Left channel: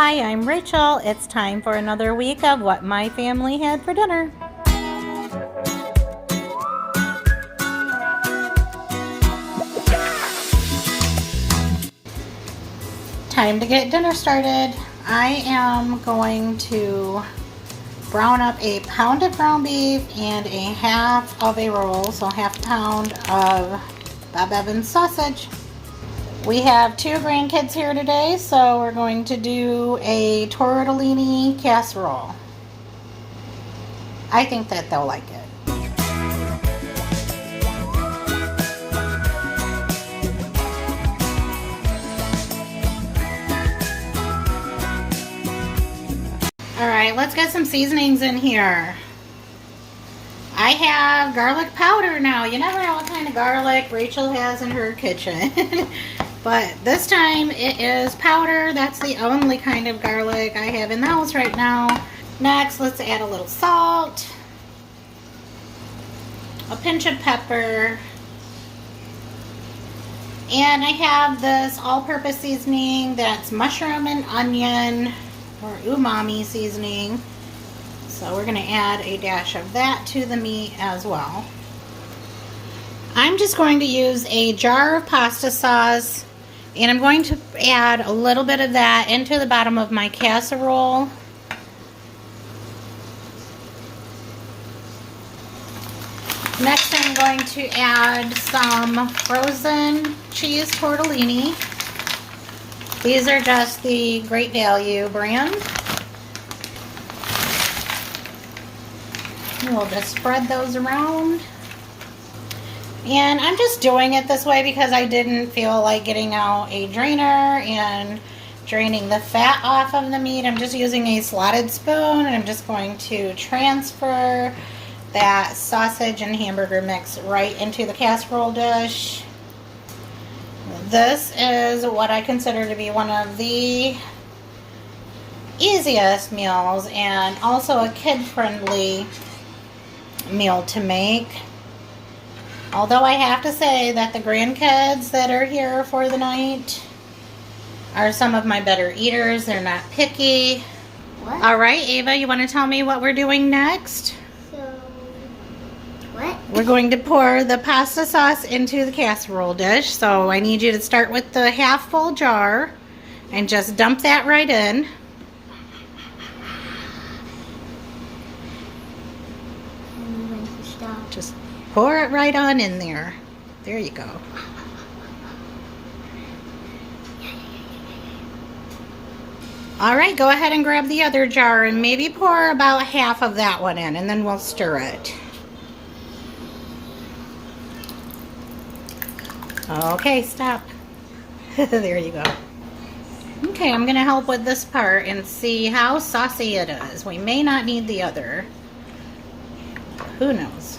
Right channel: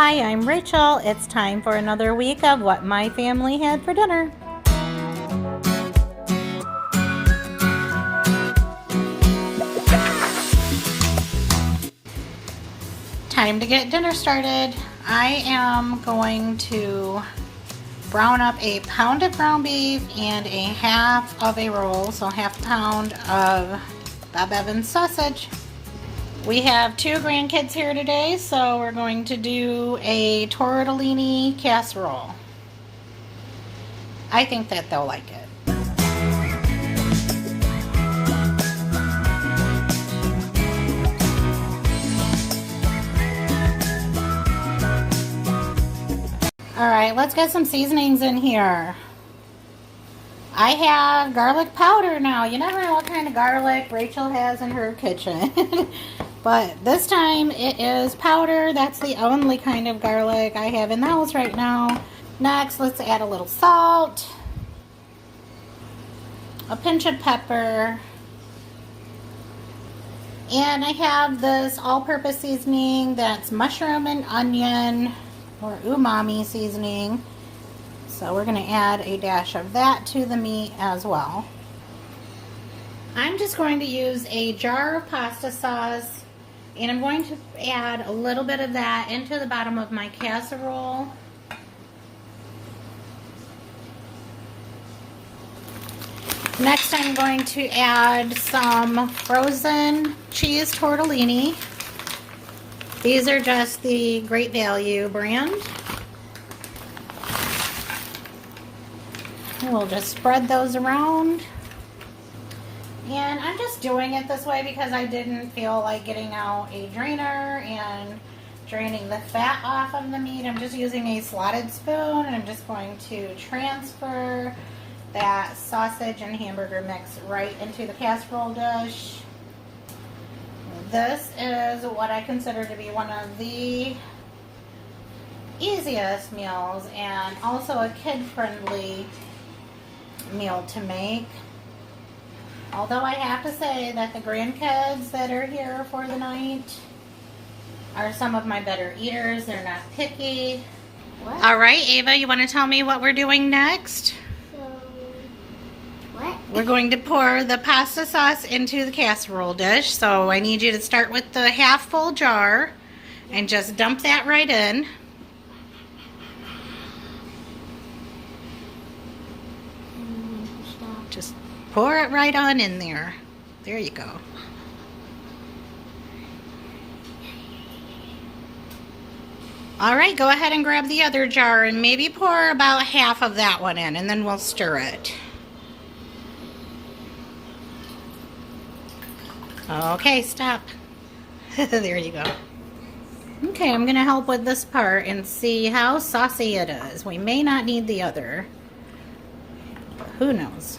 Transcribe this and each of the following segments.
Hi, I'm Rachel. It's time for another week of what my family had for dinner. Time to get dinner started. I am going to brown up a pound of ground beef and a half of a roll, so half a pound of Bob Evans sausage. We have two grandkids here today, so we're going to do a tortellini casserole. I think that they'll like it. Alright, let's get some seasonings in here. I have garlic powder now. You never know what kind of garlic Rachel has in her kitchen. But this time it is powder. That's the only kind of garlic I have in the house right now. Next, let's add a little salt, a pinch of pepper, and I have this all-purpose seasoning that's mushroom and onion, or umami seasoning. So we're going to add a dash of that to the meat as well. I'm just going to use a jar of pasta sauce, and I'm going to add a little bit of that into the bottom of my casserole. Next, I'm going to add some frozen cheese tortellini. These are just the Great Value brand. And we'll just spread those around. And I'm just doing it this way because I didn't feel like getting out a drainer and draining the fat off of the meat. I'm just using a slotted spoon, and I'm just going to transfer that sausage and hamburger mix right into the casserole dish. This is what I consider to be one of the easiest meals and also a kid-friendly meal to make. Although I have to say that the grandkids that are here for the night are some of my better eaters. They're not picky. What? All right, Ava, you want to tell me what we're doing next? What? We're going to pour the pasta sauce into the casserole dish. So I need you to start with the half full jar and just dump that right in. Just pour it right on in there. There you go. All right, go ahead and grab the other jar and maybe pour about half of that one in, and then we'll stir it. Okay, stop. There you go. Okay, I'm gonna help with this part and see how saucy it is. We may not need the other. Who knows?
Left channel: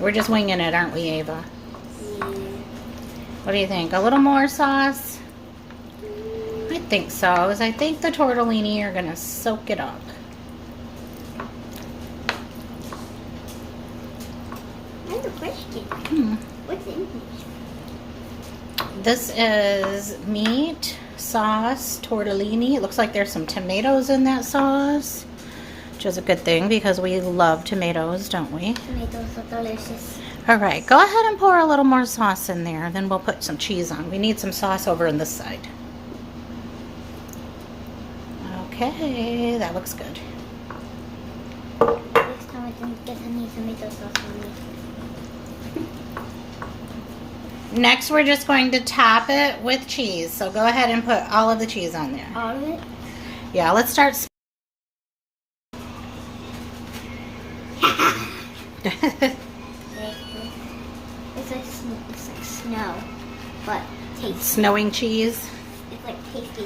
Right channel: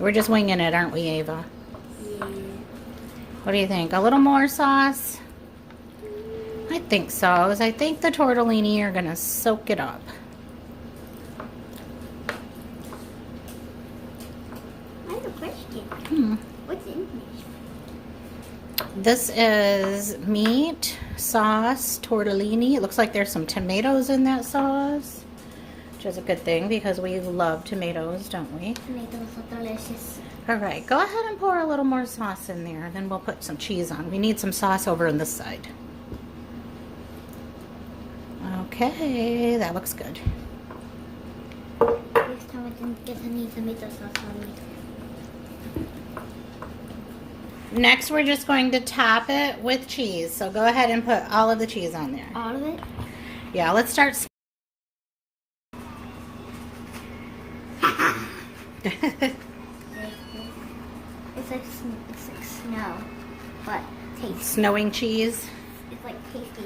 We're just winging it, aren't we, Ava? Yeah. What do you think? A little more sauce? I think so, as I think the tortellini are gonna soak it up. I have a question. What's in This is meat, sauce, tortellini. It looks like there's some tomatoes in that sauce, which is a good thing because we love tomatoes, don't we? Tomatoes are delicious. All right, go ahead and pour a little more sauce in there. Then we'll put some cheese on. We need some sauce over on this side. Okay, that looks good. Next time I didn't get any tomato sauce on it. Next, we're just going to top it with cheese. So go ahead and put all of the cheese on there. All of it? Yeah, let's start. It's like snow, but tasty. Snowing cheese. It's like tasty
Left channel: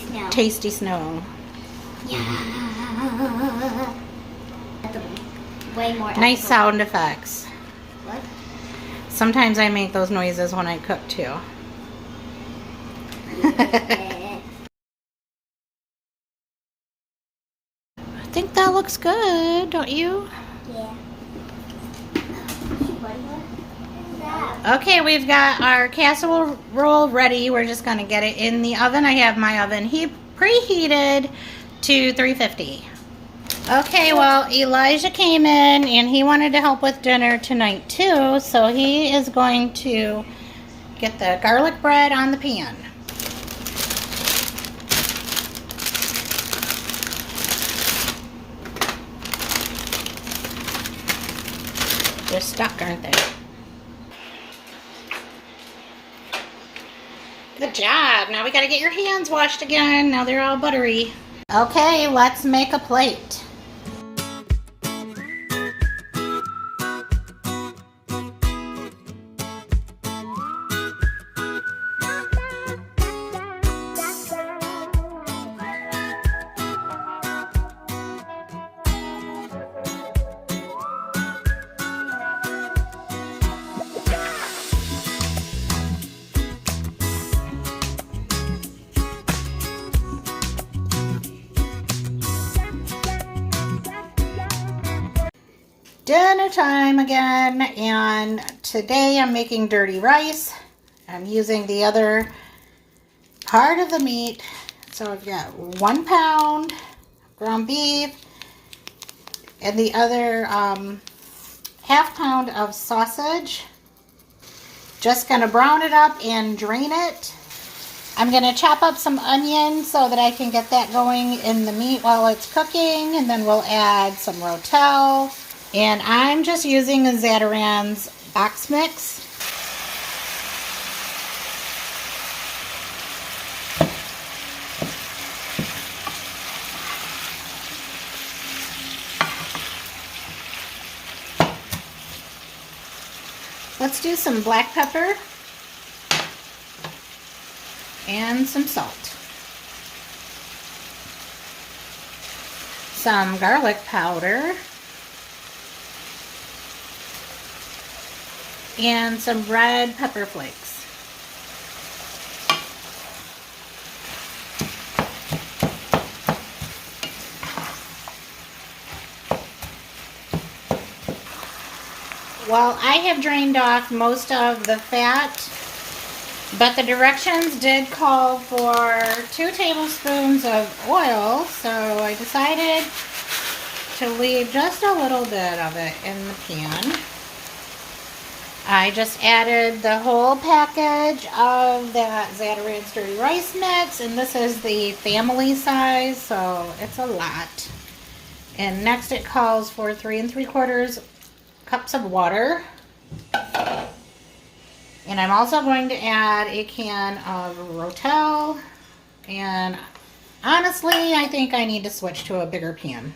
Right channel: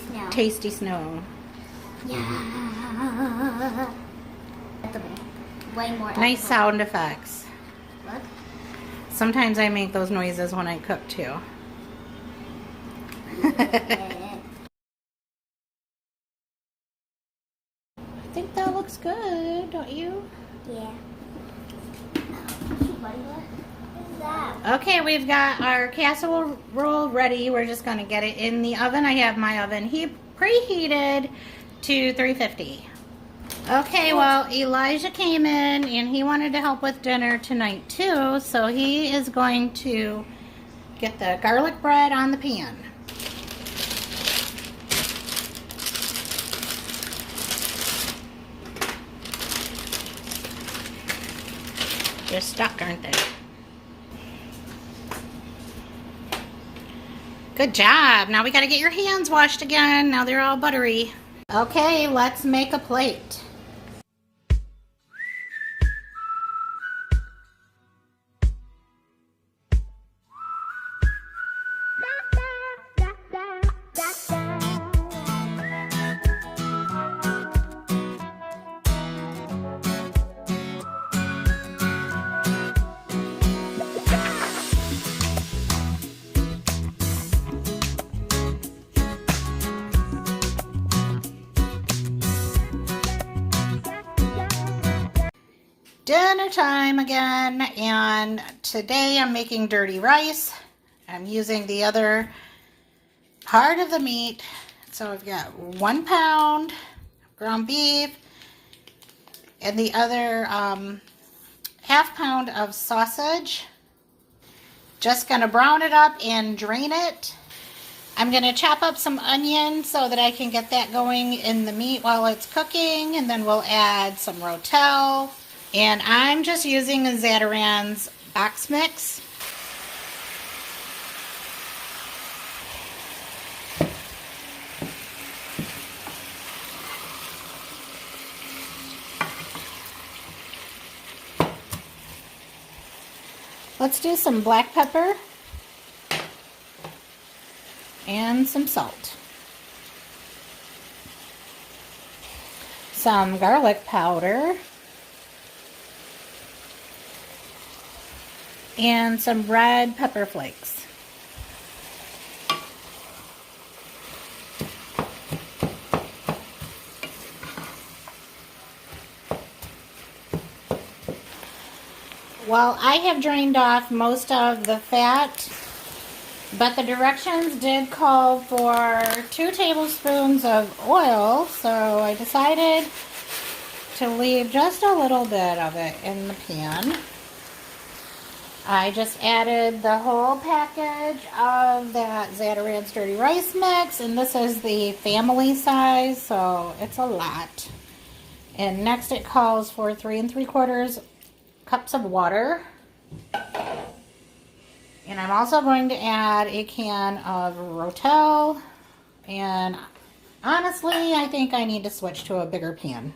snow. Tasty snow. Yeah. Way more. Nice edible. sound effects. What? Sometimes I make those noises when I cook too. Yeah. I think that looks good, don't you? Yeah. What is that? Okay, we've got our casserole ready. We're just gonna get it in the oven. I have my oven preheated to 350. Okay, well, Elijah came in and he wanted to help with dinner tonight too, so he is going to get the garlic bread on the pan. They're stuck, aren't they? Good job. Now we gotta get your hands washed again. Now they're all buttery. Okay, let's make a plate. Dinner time again, and today I'm making dirty rice. I'm using the other part of the meat. So I've got 1 pound ground beef and the other ½ pound of sausage. Just gonna brown it up and drain it. I'm gonna chop up some onion so that I can get that going in the meat while it's cooking, and then we'll add some rotel. And I'm just using a Zatarain's box mix. Let's do some black pepper and some salt. Some garlic powder. And some red pepper flakes. Well, I have drained off most of the fat, but the directions did call for 2 tablespoons of oil, so I decided to leave just a little bit of it in the pan. I just added the whole package of that Zatarain's dirty rice mix, and this is the family size, so it's a lot. And next it calls for 3 3/4 cups of water. And I'm also going to add a can of rotel, and honestly, I think I need to switch to a bigger pan.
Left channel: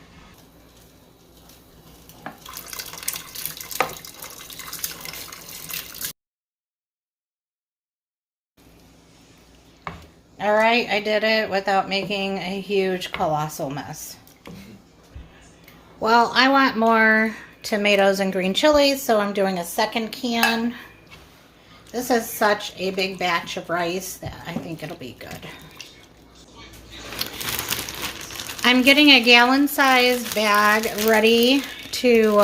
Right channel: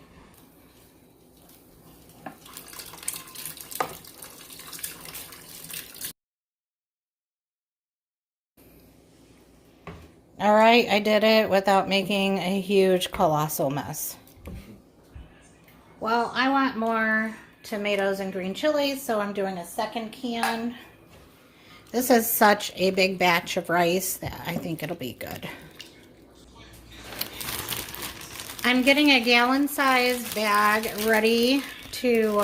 All right, I did it without making a huge, colossal mess. Well, I want more tomatoes and green chilies, so I'm doing a second can. This is such a big batch of rice that I think it'll be good. I'm getting a gallon-sized bag ready to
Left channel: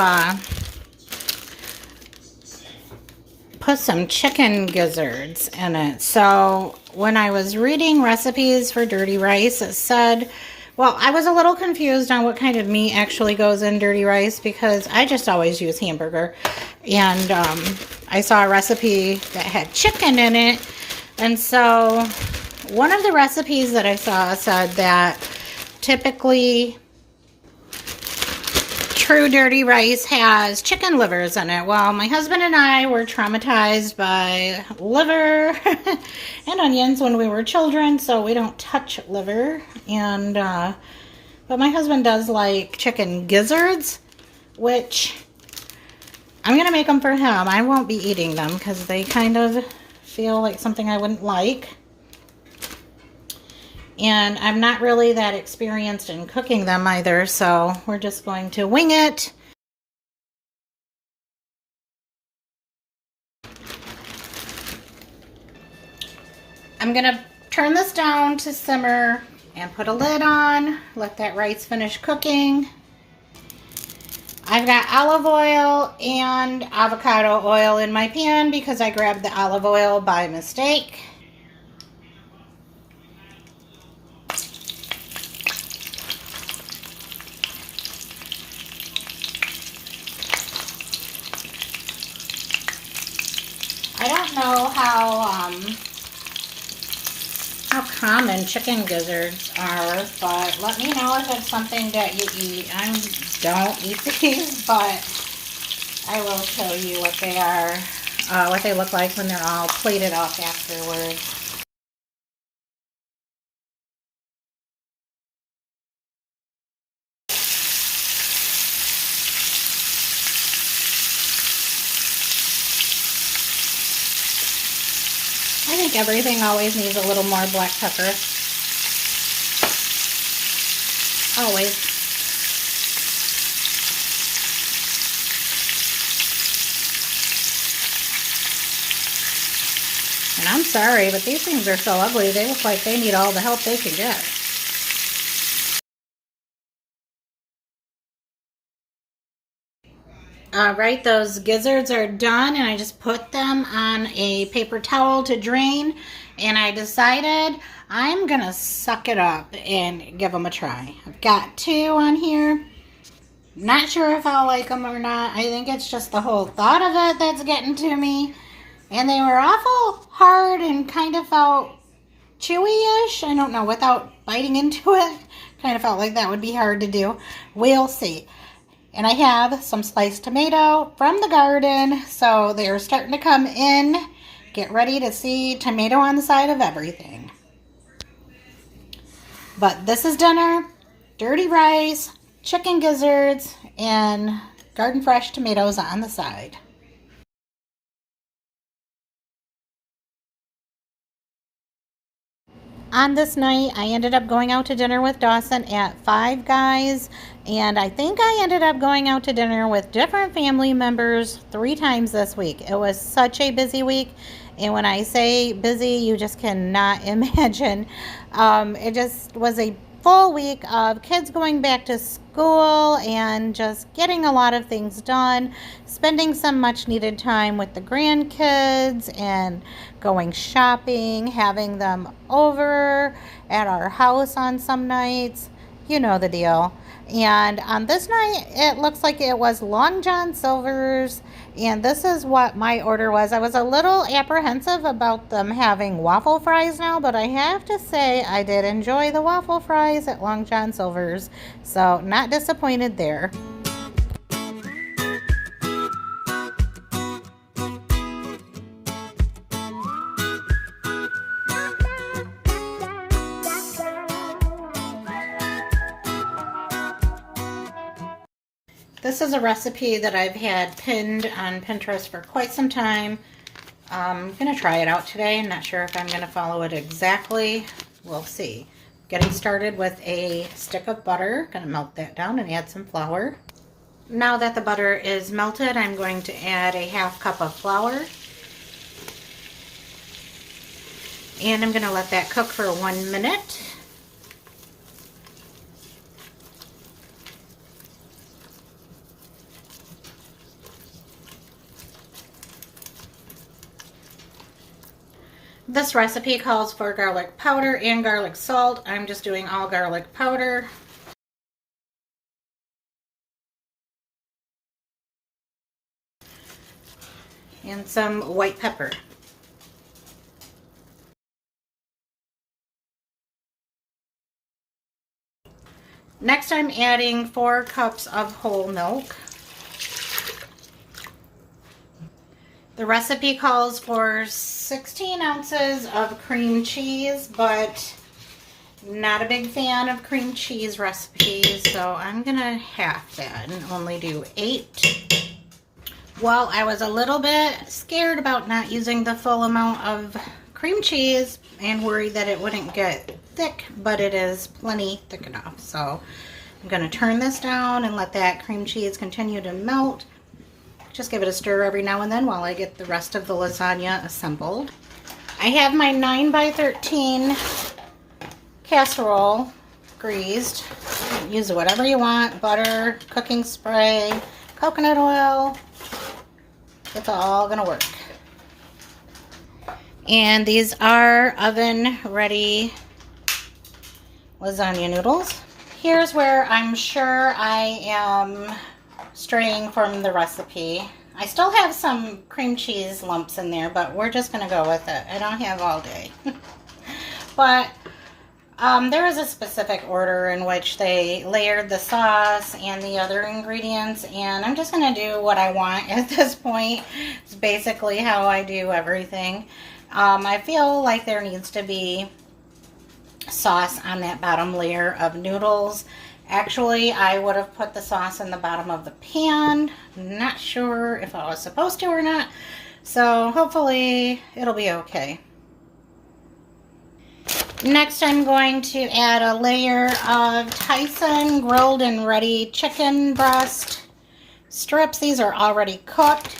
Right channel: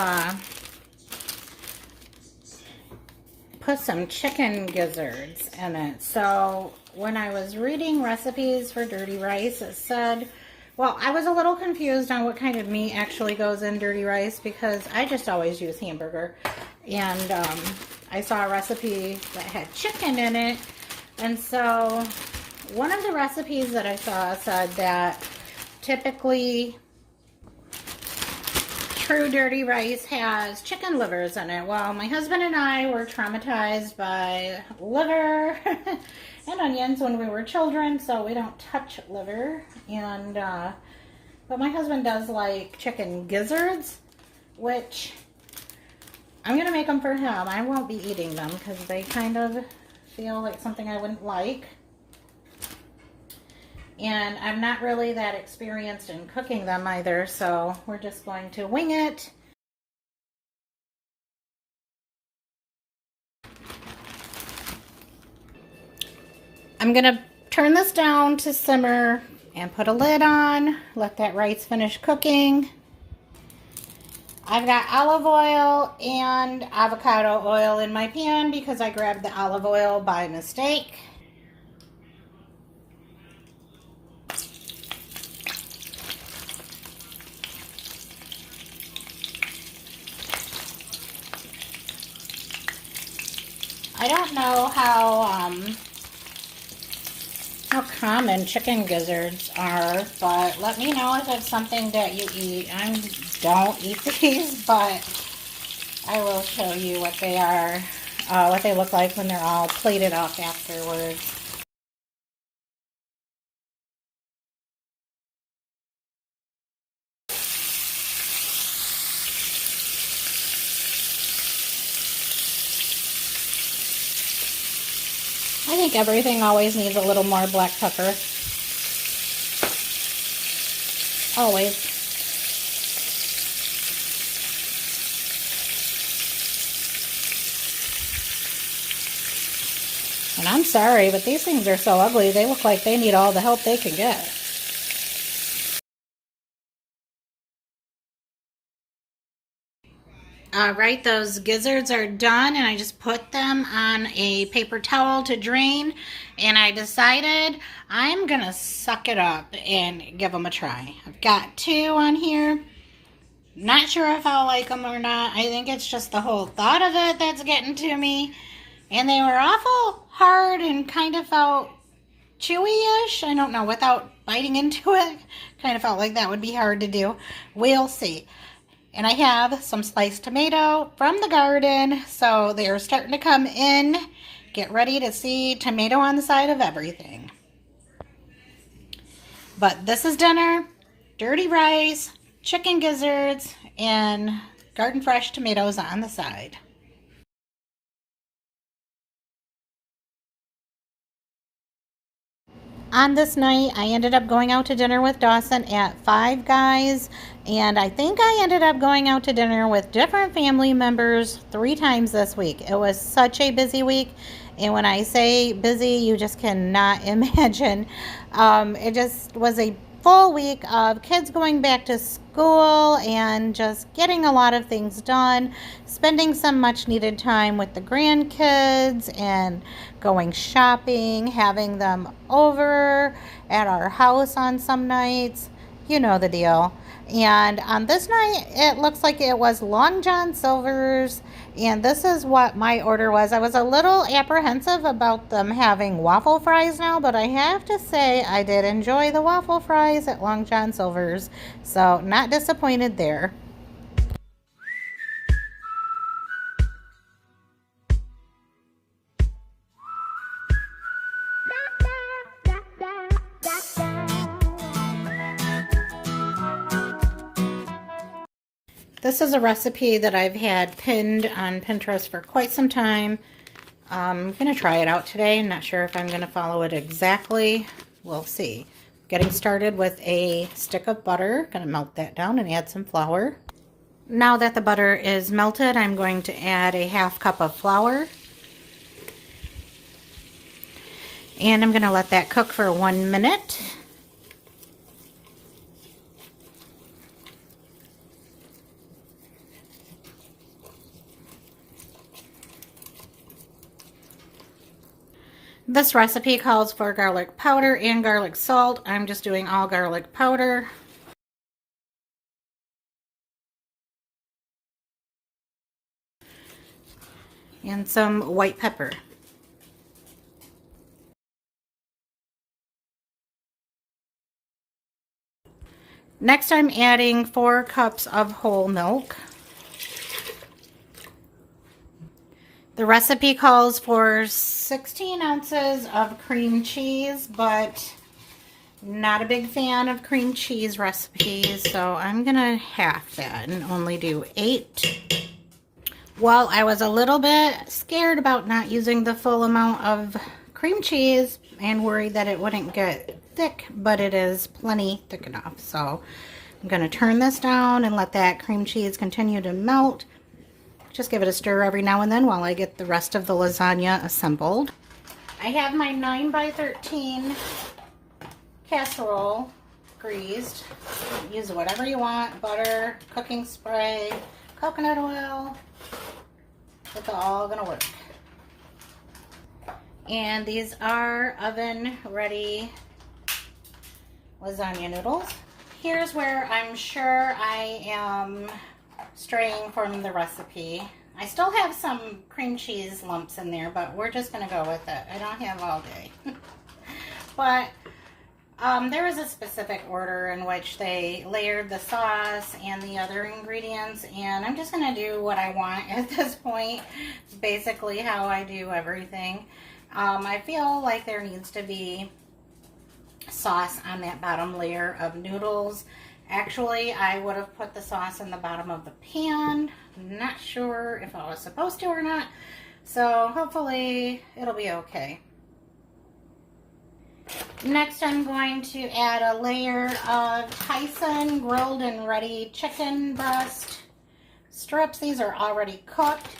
put some chicken gizzards in it. So when I was reading recipes for dirty rice, it said, well, I was a little confused on what kind of meat actually goes in dirty rice because I just always use hamburger. And I saw a recipe that had chicken in it. And so one of the recipes that I saw said that typically true dirty rice has chicken livers in it. Well, my husband and I were traumatized by liver and onions when we were children, so we don't touch liver. And but my husband does like chicken gizzards, which I'm gonna make them for him. I won't be eating them because they kind of feel like something I wouldn't like. And I'm not really that experienced in cooking them either, so we're just going to wing it. I'm going to turn this down to simmer and put a lid on, let that rice finish cooking. I've got olive oil and avocado oil in my pan because I grabbed the olive oil by mistake. I don't know how common chicken gizzards are, but let me know if it's something that you eat. I don't eat these, but I will show you what they are, what they look like when they're all plated up afterwards. I think everything always needs a little more black pepper. Always. And I'm sorry, but these things are so ugly. They look like they need all the help they can get. All right, those gizzards are done, and I just put them on a paper towel to drain, and I decided I'm gonna suck it up and give them a try. I've got 2 on here. Not sure if I'll like them or not. I think it's just the whole thought of it that's getting to me. And they were awful hard and kind of felt chewy-ish. I don't know, without biting into it. Kind of felt like that would be hard to do. We'll see. And I have some sliced tomato from the garden. So they're starting to come in. Get ready to see tomato on the side of everything. But this is dinner. Dirty rice, chicken gizzards, and garden fresh tomatoes on the side. On this night, I ended up going out to dinner with Dawson at Five Guys, and I think I ended up going out to dinner with different family members 3 times this week. It was such a busy week, and when I say busy, you just cannot imagine. It just was a full week of kids going back to school and just getting a lot of things done, spending some much needed time with the grandkids and going shopping, having them over at our house on some nights. You know the deal. And on this night, it looks like it was Long John Silver's, and this is what my order was. I was a little apprehensive about them having waffle fries now, but I have to say I did enjoy the waffle fries at Long John Silver's, so not disappointed there. This is a recipe that I've had pinned on Pinterest for quite some time. I'm going to try it out today. I'm not sure if I'm going to follow it exactly. We'll see. Getting started with a stick of butter. Going to melt that down and add some flour. Now that the butter is melted, I'm going to add a 1/2 cup of flour. And I'm going to let that cook for 1 minute. This recipe calls for garlic powder and garlic salt. I'm just doing all garlic powder. And some white pepper. Next, I'm adding 4 cups of whole milk. The recipe calls for 16 ounces of cream cheese, but not a big fan of cream cheese recipes, so I'm gonna half that and only do 8. Well, I was a little bit scared about not using the full amount of cream cheese and worried that it wouldn't get thick, but it is plenty thick enough. So I'm gonna turn this down and let that cream cheese continue to melt. Just give it a stir every now and then while I get the rest of the lasagna assembled. I have my 9 by 13 casserole greased. Use whatever you want, butter, cooking spray, coconut oil. It's all gonna work. And these are oven ready lasagna noodles. Here's where I'm sure I am straying from the recipe. I still have some cream cheese lumps in there, but we're just gonna go with it. I don't have all day. But there is a specific order in which they layered the sauce and the other ingredients, and I'm just gonna do what I want at this point. It's basically how I do everything. I feel like there needs to be sauce on that bottom layer of noodles. Actually, I would have put the sauce in the bottom of the pan. Not sure if I was supposed to or not, so hopefully it'll be okay. Next, I'm going to add a layer of Tyson grilled and ready chicken breast strips. These are already cooked.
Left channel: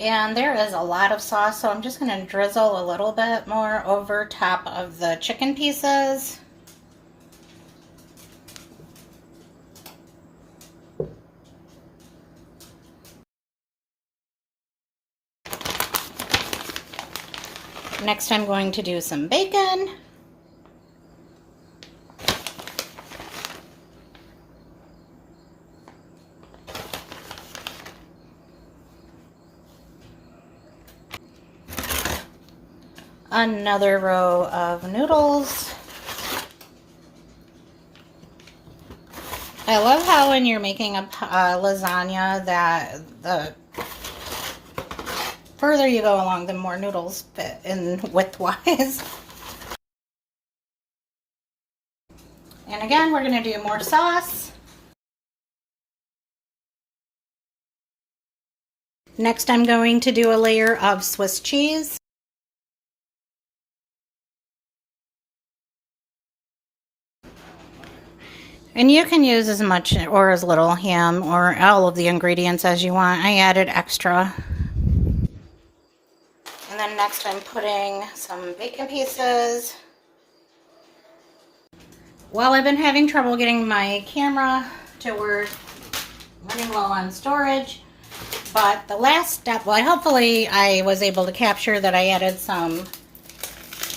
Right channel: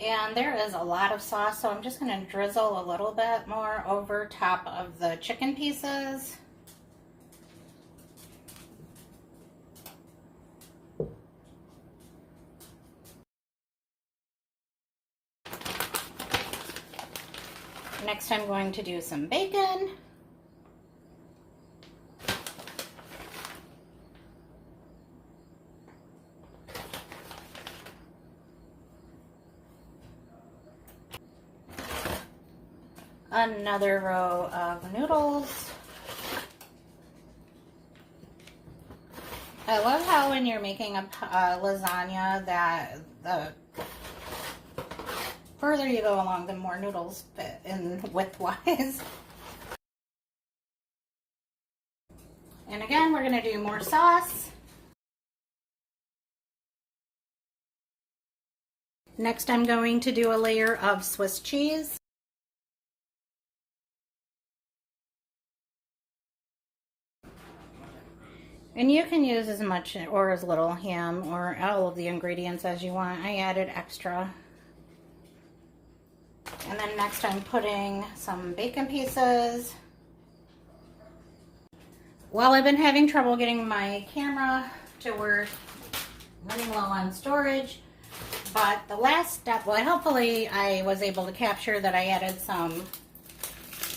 And there is a lot of sauce, so I'm just going to drizzle a little bit more over top of the chicken pieces. Next, I'm going to do some bacon. Another row of noodles. I love how when you're making a lasagna that the further you go along, the more noodles fit in width-wise. And again, we're going to do more sauce. Next, I'm going to do a layer of Swiss cheese. And you can use as much or as little ham or all of the ingredients as you want. I added extra. And then next I'm putting some bacon pieces. Well, I've been having trouble getting my camera to work, running low on storage. But the last step, well, hopefully I was able to capture that I added some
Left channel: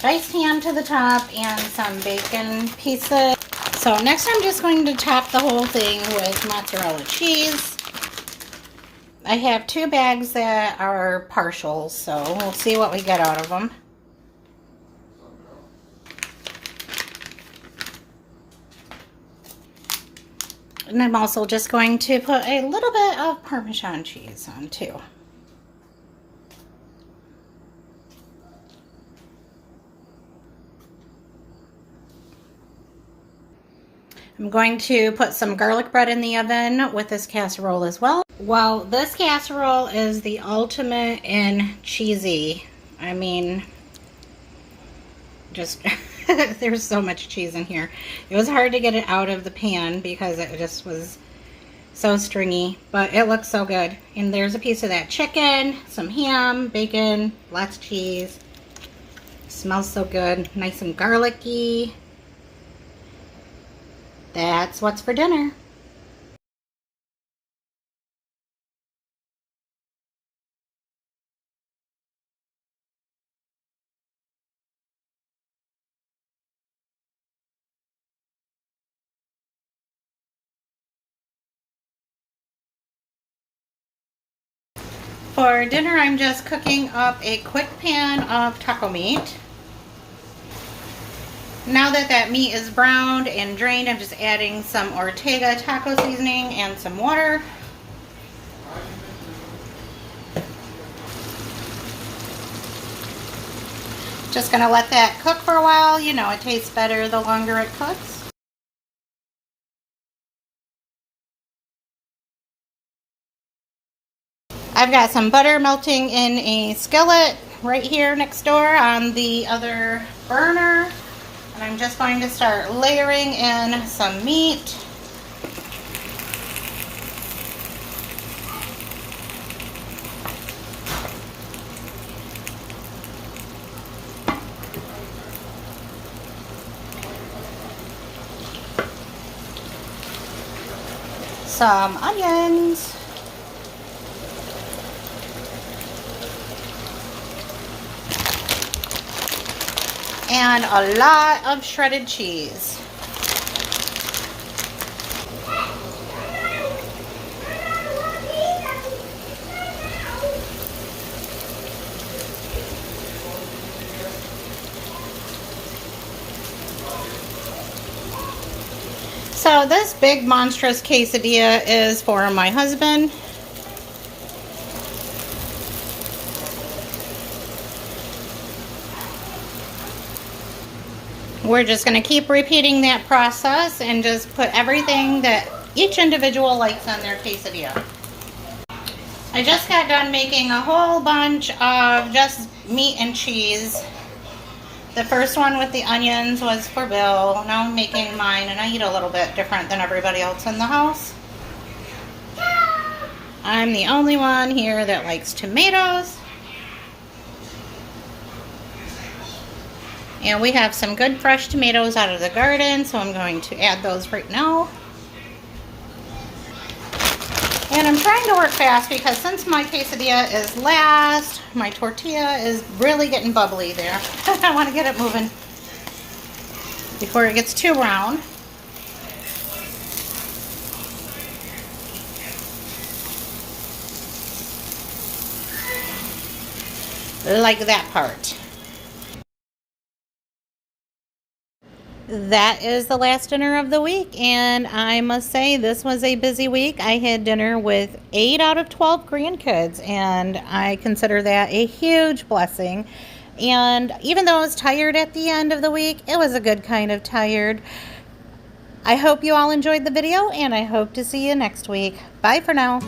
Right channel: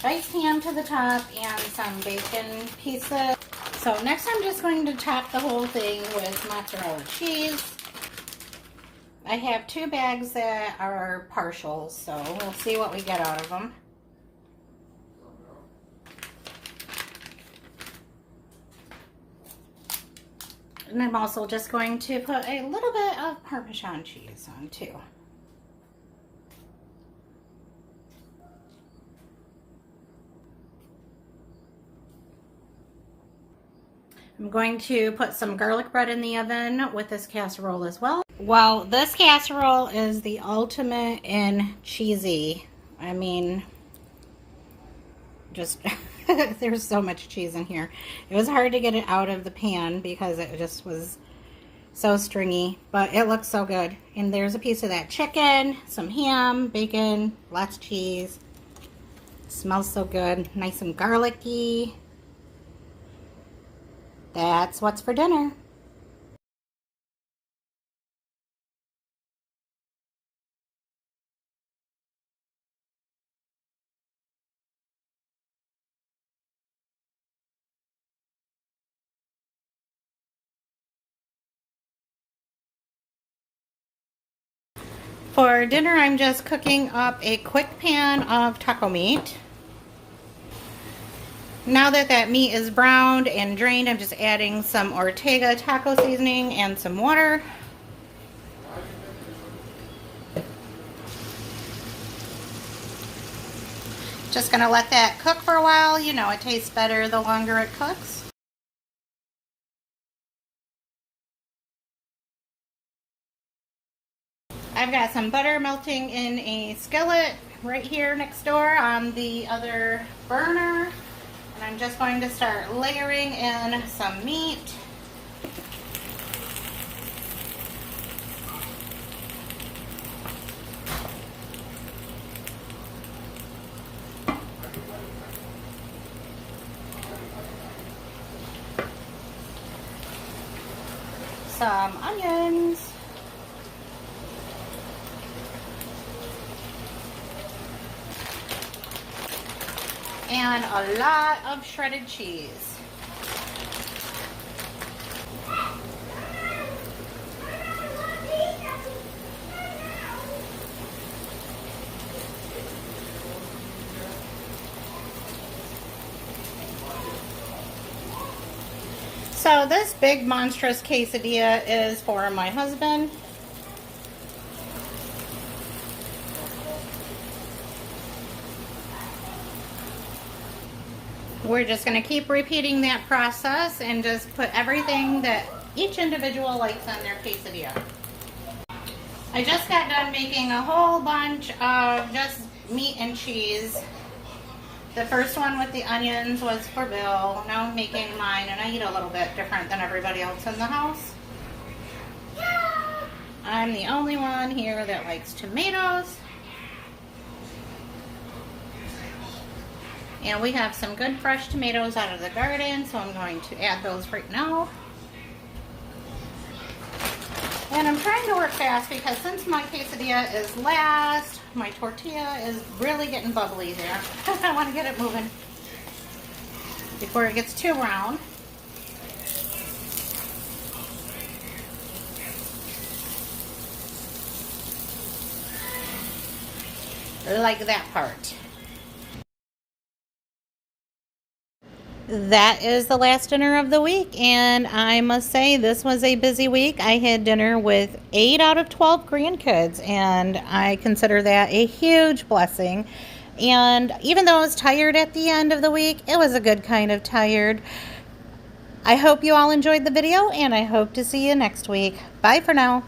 diced ham to the top and some bacon pieces. So next I'm just going to top the whole thing with mozzarella cheese. I have 2 bags that are partials, so we'll see what we get out of them. And I'm also just going to put a little bit of Parmesan cheese on too. I'm going to put some garlic bread in the oven with this casserole as well. Well, this casserole is the ultimate in cheesy. I mean, just there's so much cheese in here. It was hard to get it out of the pan because it just was so stringy, but it looks so good. And there's a piece of that chicken, some ham, bacon, lots of cheese. Smells so good, nice and garlicky. That's what's for dinner. For dinner, I'm just cooking up a quick pan of taco meat. Now that that meat is browned and drained, I'm just adding some Ortega taco seasoning and some water. Just gonna let that cook for a while. You know, it tastes better the longer it cooks. I've got some butter melting in a skillet right here next door on the other burner. And I'm just going to start layering in some meat. some onions. And a lot of shredded cheese. So this big monstrous quesadilla is for my husband. We're just going to keep repeating that process and just put everything that each individual likes on their quesadilla. I just got done making a whole bunch of just meat and cheese. The first one with the onions was for Bill. Now I'm making mine, and I eat a little bit different than everybody else in the house. I'm the only one here that likes tomatoes. And we have some good fresh tomatoes out of the garden, so I'm going to add those right now. And I'm trying to work fast because since my quesadilla is last, my tortilla is really getting bubbly there. I want to get it moving before it gets too round. Like that part. That is the last dinner of the week, and I must say this was a busy week. I had dinner with 8 out of 12 grandkids, and I consider that a huge blessing. And even though I was tired at the end of the week, it was a good kind of tired. I hope you all enjoyed the video, and I hope to see you next week. Bye for now.